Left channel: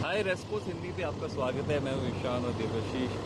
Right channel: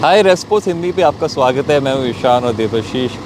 हाय रेस्पोस हिंदी पे आपका स्वागत है। मैं हूँ ईशान और देवाशीष।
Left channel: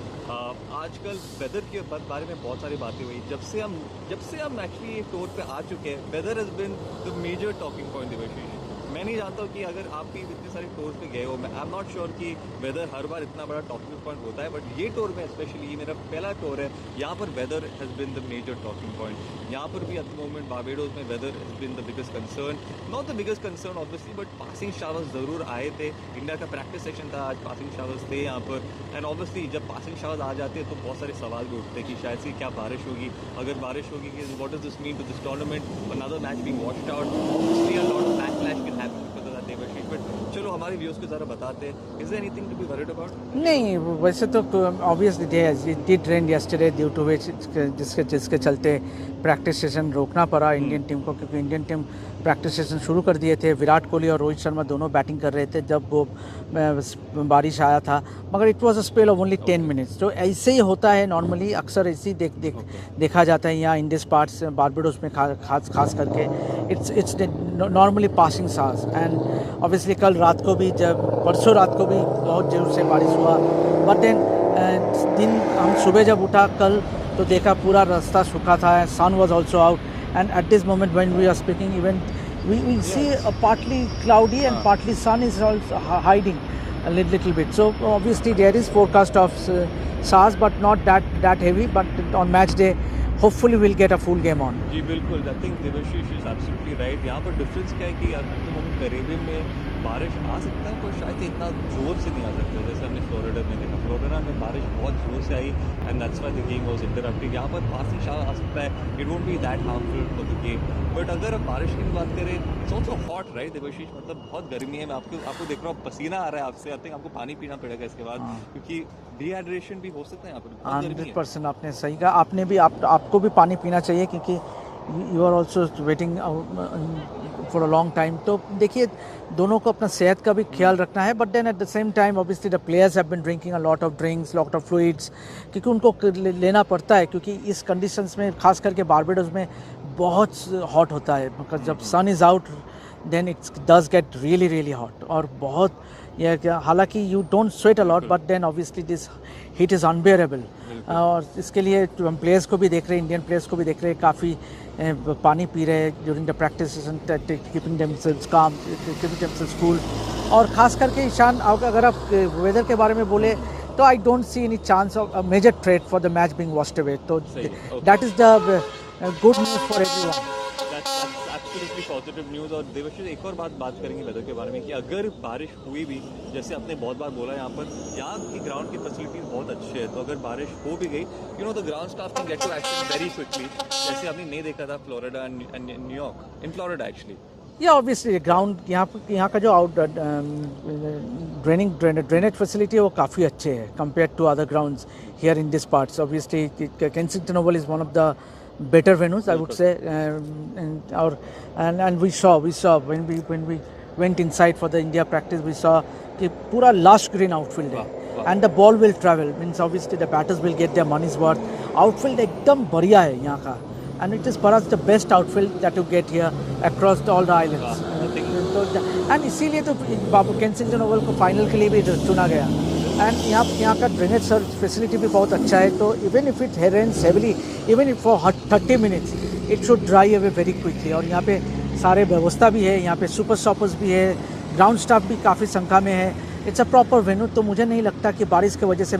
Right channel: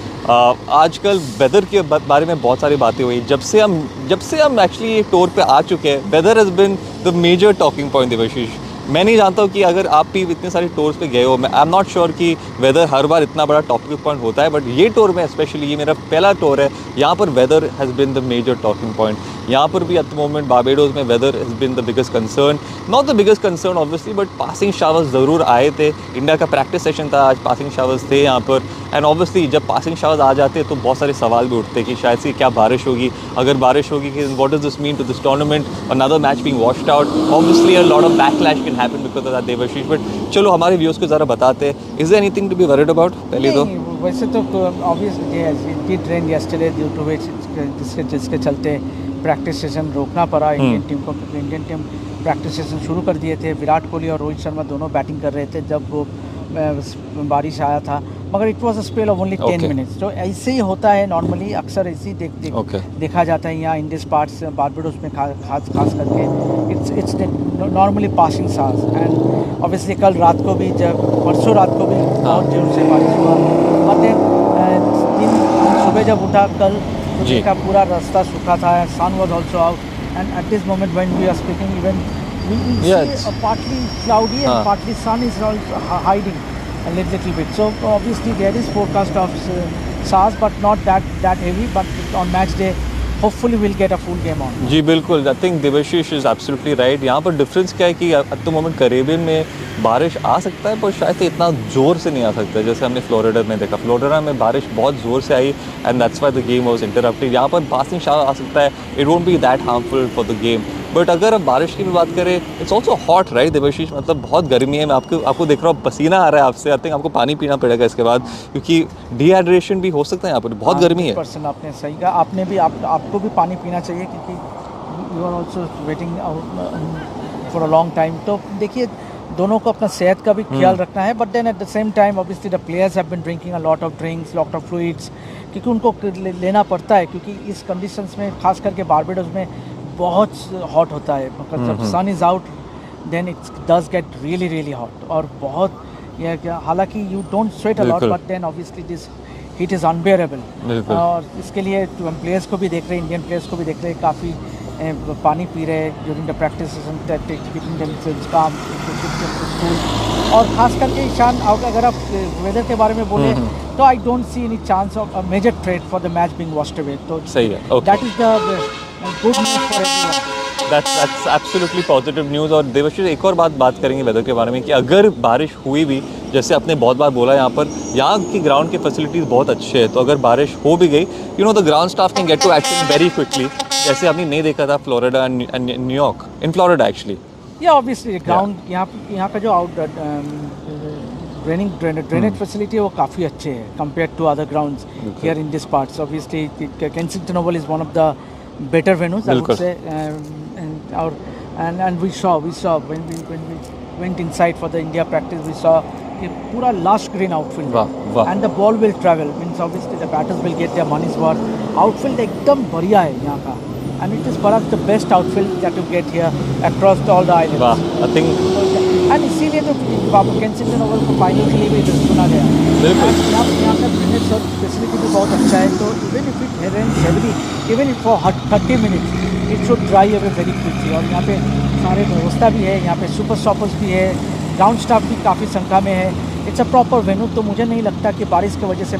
आजकल वेदर के बारे में बहुत सारी बातें हुई। जब से हम एक्चुअली ये टूर पे आ चुके हैं, weather has been the major talking point Devashish. मैं नहीं जानता हूँ कि अगर आप भी इतने सारे टूर्स पे गए हो, मैं आई एम नॉट श्योर कि वेदर हर बार इतना बड़ा टॉकिंग पॉइंट होता है, बट ये टूर में स्पेशली, ये मेरा पहला टूर है, यहाँ पर weather has been the major talking point. यहाँ पर भी एट द मोमेंट बारबेडोस में weather has been the biggest concern. Not the biggest concern obviously, but passing showers ज़रूर आए थे। इंडिया का प्रैक्टिस सेशन था आज, पासिंग शावर्स थे यहाँ पर। एंड ऑब्वियसली जब पासिंग शावर्स आ जाते हैं तो बहुत सारे सवाल भी उठते हैं कि शायद से क्या बारिश होगी। अगर बारिश होगी कि what does this mean to this tournament, another match being washed out. Obviously a lot of backlash can happen because of that Devashish. But चलो हमारे व्यूअर्स को ज़रा बताते हैं, is there anything to be worried about? पहले तो नहीं, वैसे तो obviously it did rain yesterday due to which जिसके चलते प्रैक्टिस सेशन रोकना पड़ा इंडियन टीम को, क्योंकि इंडियन टीम प्रैक्टिस सेशन शुरू कर दिए थे। विराट कोहली और रोहित शर्मा दोनों बैटिंग कर रहे थे जब वो बारिश आया था, मगर it was a spell of only 10 minutes. तो ऐसे ही होता है नॉर्मली, अक्सर ऐसे ही देखा जाता है यहाँ इन दिस पार्ट्स, बारबेडोस में खास करके इट्स नॉर्मली पासिंग सास। एंड ऑब्वियसली कल रात को भी, जब परसों रात को भी बहुत जोर से बारिश हुआ, बट देन हम सुबह जब उठा कल तो देखा पूरा रास्ता सूखा था, sun was also out, and at this moment when we are speaking even we see partly cloudy and partly sun is also hiding a little bit. So obviously there is forecast of SARS, but not that heavy. But on match day, hopefully we'll get a full game on. जी बिल्कुल, I think Devashish is absolutely right. यहाँ पर difference क्या है कि eight the moment Caribbean में बारिश आ सकता है, पर शायद इतना ज़ोर से नहीं आ सकता है जैसे हमने फ्लोरिडा में देखा। फ्लोरिडा में बारिश बहुत ज़ोर से आई and that's why the game was interrupted. यहाँ पर पासिंग शावर आ सकता है, it won't be that harmful for the game. But अगर हम बारिश की भी बात करें, it's also hot right Devashish, मतलब बहुत गर्मी है। मैं आपको देख रहा हूँ, पसीना आ रहा है आपसे। आई थिंक आपको पानी पीना पड़ेगा इसके बाद, क्योंकि डिहाइड्रेशन भी हो सकता है यहाँ पर, बहुत गर्मी है। 100% आपने सही कहा। आपने भी आपको भी पानी पीना चाहिए, क्योंकि you are also waiting for a long time. तो देखिए, दोनों को अपना सेहत का भी ख्याल रखना है, but then at the same time obviously the players have been drinking a lot of drinks, lot of fluids, क्योंकि उनको लेना पड़ता है, क्योंकि इस कंडीशंस में खास करके बारबेडोस में बहुत हॉट होता है। मतलब जब sun is out then it does get really hot, और बहुत यह क्या, हालांकि you don't sweat a lot, but then obviously this heat is unbearable. और इसके लिए हम प्लेयर्स को भी देख रहे हैं, इंडियन प्लेयर्स को भी देख रहे हैं, काफ़ी पानी पी रहे हैं during the practice session, keeping themselves काम, स्कूल। और ख़ास करके ईशान, अगर आप वेदर के बारे में बोले तो I don't see any chance of a major threat for the match being washed away. तो सही है, that is the good news for everyone. That's absolutely positive news. और देवाशीष, एक और बात करेंगे वेदर के बारे में कि अगर बारिश हुई भी, जैसे आपने बहुत बार बोला, यहाँ की ग्राउंड की फैसिलिटीज़ बहुत अच्छे हैं, तो अगर बारिश हो भी गई, you know the ground staff can get to action very quickly, जैसे आपने नहीं देखा था Florida and New York, in Florida actually. या ऑब्वियसली ग्राउंड यहाँ का जो ड्रेनेज फैसिलिटी है वो काफ़ी अच्छे है compare to other grounds here in this parts. Obviously Kensington Oval is one of the better venues, I would say, and we saw when we went inside for the India practice, we saw कि पूरा lush green outfield है, and the ball will travel, means obviously the batters will get their money's worth. Outfield एकदम बढ़िया है यहाँ का, and it is perhaps the best outfield that you get here across all the islands. I think and इसीलिए तो Kensington Oval को final के लिए भी चुना गया। यहाँ का ड्रेनेज फैसिलिटी भी बहुत अच्छा है, तो even if it rains heavily, even if for 30 minutes it should dry away very quickly. और यहाँ पे सारे व्यवस्था भी है, यहाँ पे सुपर स्टॉपर्स भी है, ग्राउंड स्टाफ भी काफ़ी संख्या में है। इट्स अ प्रॉपर वेन्यू, तो मुझे नहीं लगता कि बारिश की वजह से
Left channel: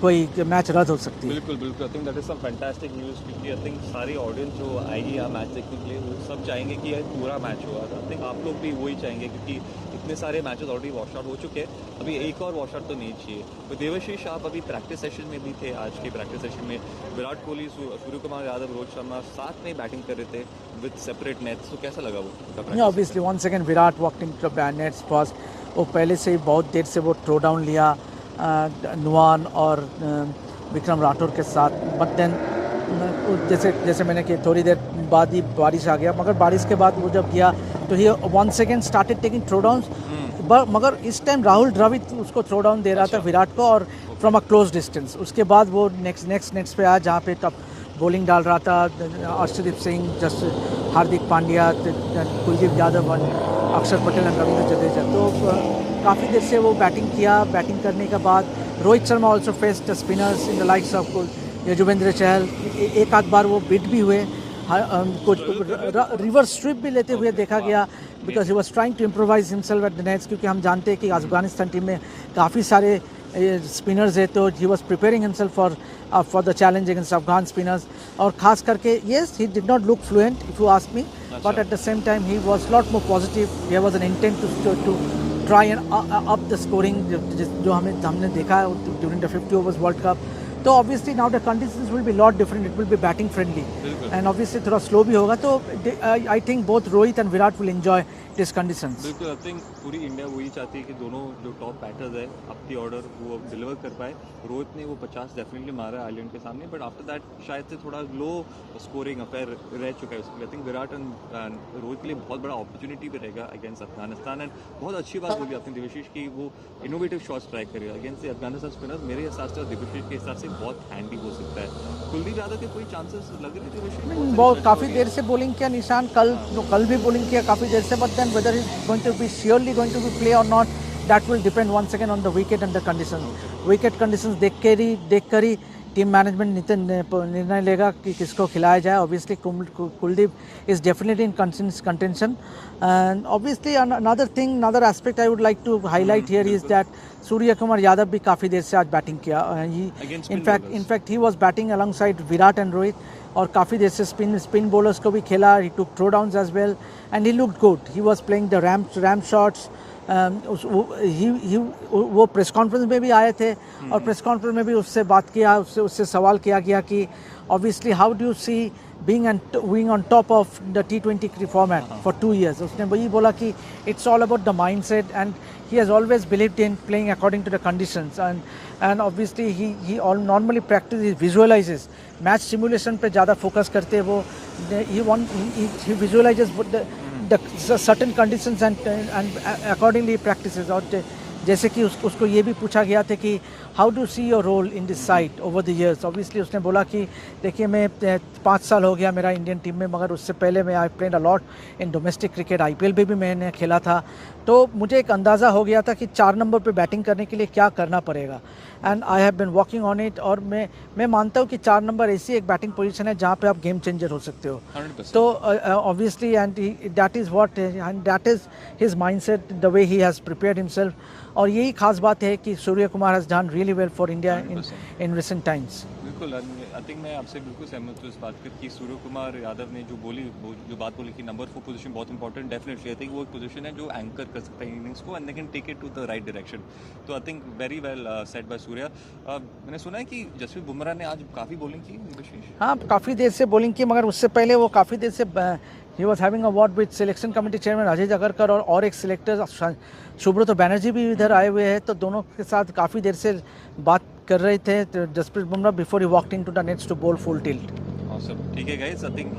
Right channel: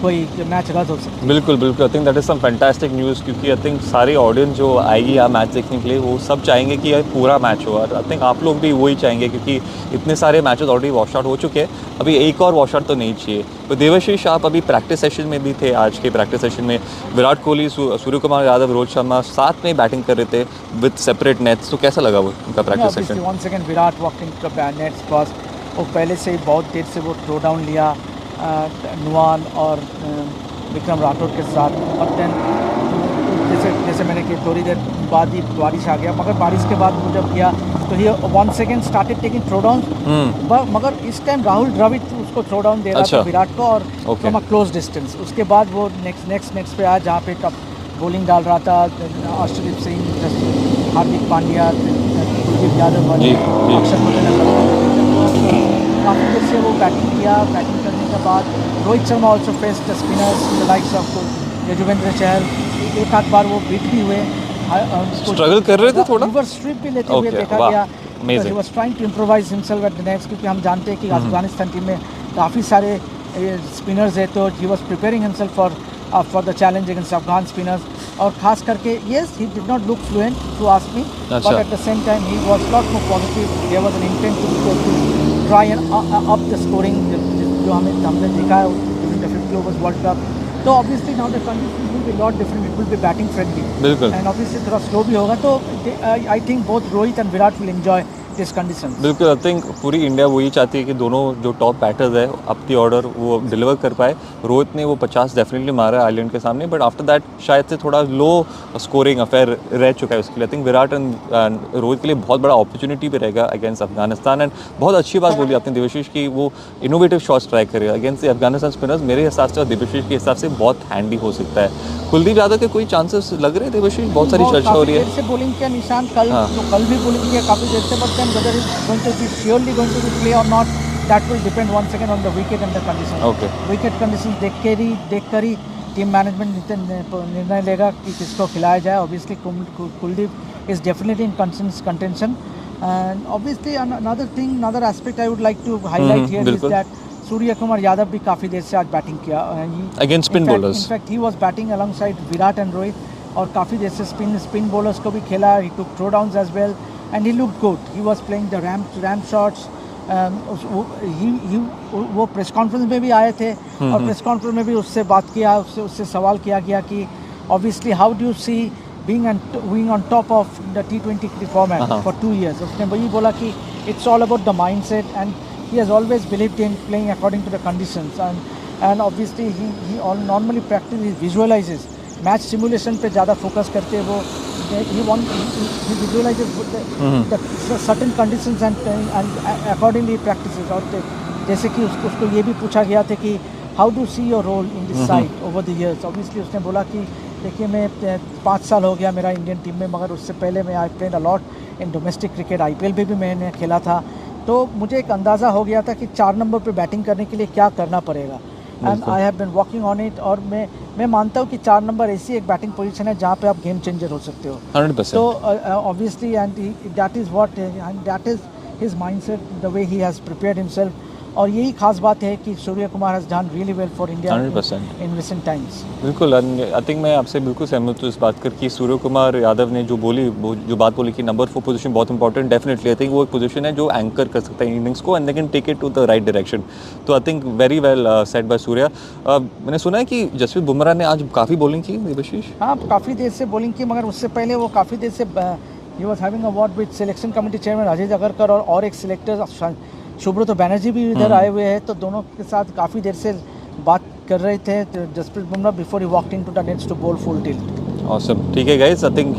कोई मैच रद्द हो सकती है। बिल्कुल I think that is some fantastic news, क्योंकि आई थिंक सारी ऑडियंस जो आएगी यहाँ मैच देखने के लिए, वो सब चाहेंगे कि यह पूरा मैच हो। और आई थिंक आप लोग भी वही चाहेंगे, क्योंकि इतने सारे मैचेस ऑलरेडी वॉश आउट हो चुके हैं, अभी एक और वॉश आउट तो नहीं चाहिए। तो देवाशीष, आप अभी प्रैक्टिस सेशन में भी थे। आज के प्रैक्टिस सेशन में विराट कोहली, सूर्य कुमार यादव, रोहित शर्मा साथ में बैटिंग कर रहे थे विद सेपरेट नेट्स, तो कैसा लगा वो उनका practice session? Once again Virat walk in nets, because वो पहले से ही बहुत देर से वो थ्रो डाउन लिया नुआन और विक्रम राठौर के साथ, बट देन जैसे मैंने कि थोड़ी देर बाद ही बारिश आ गया, मगर बारिश के बाद वो जब गया तो he once again started taking throw down, मगर इस टाइम राहुल द्रविड़ उसको थ्रो डाउन दे रहा था विराट को, और फ्रॉम अ क्लोज डिस्टेंस। उसके बाद वो नेक्स्ट पे आया, जहाँ पे टप बॉलिंग डाल रहा था अर्शदीप सिंह, हार्दिक पांड्या, कुलदीप यादव, अक्षर पटेल, काफ़ी देर से वो बैटिंग किया, बैटिंग करने के बाद Rohit Sharma also face the spinners in the likes of Yuzvendra Chahal, एक आध बार वो बीट भी हुए, स्ट्रगल कर रहे थे थोड़ा, रिवर्स स्ट्रिप भी लेते हुए देखा गया, because he was trying to improvise himself at the nets, क्योंकि हम जानते हैं कि अफगानिस्तान टीम में काफ़ी सारे स्पिनर्स है, तो he was preparing himself for the challenge against Afghan spinners, और खास करके yes he did not look fluent if you ask me, but at the same time he was lot more positive, there was an intent to try and up the scoring, जो हमने देखा during the 50 overs World Cup. तो obviously now the conditions will be lot different, it will be batting friendly, बिल्कुल, and obviously थोड़ा slow भी होगा, तो I think both Rohit and Virat will enjoy this condition. बिल्कुल, आई थिंक पूरी India वही चाहती है कि दोनों जो टॉप बैटर्स है अपनी ऑर्डर वो डिलीवर कर पाए। रोहित ने वो 50 डेफिनेटली मारा है आयरलैंड के सामने, बट आफ्टर दैट शायद से थोड़ा लो स्कोरिंग अफेयर रह चुका है उसके लिए। I think Virat and Rohit के लिए बहुत बड़ा अपॉर्चुनिटी भी रहेगा अगेंस्ट अफगानिस्तान, एंड बहुत अच्छी बात बोली आपने देवाशीष की वो इनोवेटिव शॉट्स ट्राई करेगा अगेंस्ट अफगानिस्तान स्पिनर्स। मेरे हिसाब से और देवाशीष के हिसाब से बहुत हैंडी हो सकता है। कुलदीप यादव के कोई चांसेस लग रहे हैं देवाशीष? बहुत सारी चर्चा हो रही है। देर से बॉलिंग किया निशान, कल भी बॉलिंग किया काफ़ी देर से, but then whether is going to be surely going to be play और not, that will depend once again on the wicket and the condition. Okay, wicket conditions देख कर ही टीम मैनेजमेंट निर्णय लेगा कि किसको खिलाया जाए। Obviously Kuldeep is definitely in contention, and obviously another aspect I would like to highlight here is that Surya Kumar Yadav भी काफ़ी देर से आज बैटिंग किया against spin bowlers. In fact he was batting alongside Virat and Rohit, और काफ़ी देर से स्पिन बॉलर्स को भी खेला, he took throw downs as well and he looked good, he was playing the ram shots. वो प्रेस कॉन्फ्रेंस में भी आए थे, और प्रेस कॉन्फ्रेंस में भी उससे बात किया, उससे सवाल किया गया कि obviously how do you see being on top of the T20 format for 2 years. उसने वही बोला कि it's all about the mindset, and he has always believed in playing according to the conditions, and obviously he normally practices, visualizes match simulation पे ज़्यादा focus करते वो, he visualizes the certain conditions and accordingly practices। और जैसे कि उसको ये भी पूछा गया था कि how do see your role in this side over the years. Obviously उसने बोला कि देखिए मैं 5 साल हो गया मेरा इंडियन टीम में, मगर उससे पहले मैं I played a lot in domestic cricket, IPL भी मैंने खेला था, तो मुझे एक अंदाज़ा हो गया था कि 4 नंबर पे बैटिंग करने के लिए क्या करना पड़ेगा, and I have been working on it. और मैं मानता हूँ कि 4 नंबर ऐसी एक बैटिंग पोजीशन है जहाँ पे आप गेम चेंजर हो सकते हो 100%। तो obviously and that is what and that is his mindset, the way he has prepared himself, और यही खास बात है कि Surya Kumar has done really well for India in recent times. बिल्कुल, आई थिंक मैं आपसे बिल्कुल सहमत हूँ इस बात कर कि सूर्य कुमार यादव ने जो बात बोली कि नंबर 4 पोजीशन बहुत इंपॉर्टेंट, डेफिनेटली आई थिंक वो एक पोजीशन है जो एंकर कर सकता है इनिंग्स को, and they can take it to the right direction. तो I think very well said by Surya. मैंने सुना है कि जसप्रीत बुमराह ने आज काफ़ी बॉलिंग की देवाशीष। हाँ, काफ़ी देर से बॉलिंग की, मगर उससे पहले वो काफ़ी देर से he was having a word with selection committee chairman Ajay Jagarkar और एक सिलेक्टर सुब्रत बैनर्जी भी इधर आए हुए हैं, तो दोनों के साथ काफ़ी देर से बात कर रहे थे Jasprit Bumrah before he walked into the nets to bowl full tilt. Awesome, ठीक है गाइस, आई थिंक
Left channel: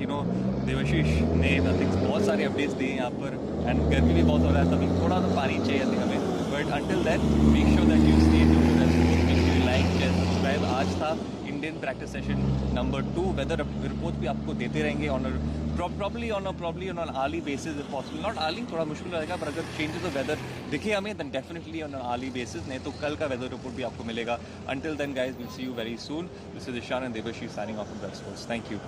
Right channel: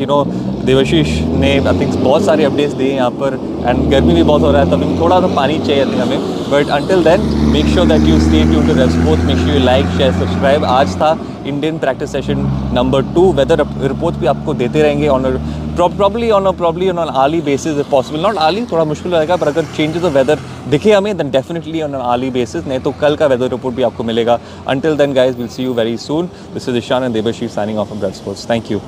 देवाशीष ने आई थिंक बहुत सारे अपडेट्स दिए यहाँ पर, एंड गर्मी भी बहुत हो रहा है, तभी थोड़ा सा पानी चाहिए थी हमें, but until then make sure that you stay tuned to Red Sports, make sure you like share subscribe. आज था Indian practice session number 2, weather report भी आपको देते रहेंगे on probably on an hourly basis if possible, not hourly, थोड़ा मुश्किल रहेगा, पर अगर चेंजेस ऑफ वेदर दिखे हमें then definitely on an hourly basis, नहीं तो कल का वेदर रिपोर्ट भी आपको मिलेगा। Until then guys, we'll see you very soon. This is Ishan and Debashish signing off from Red Sports. Thank you.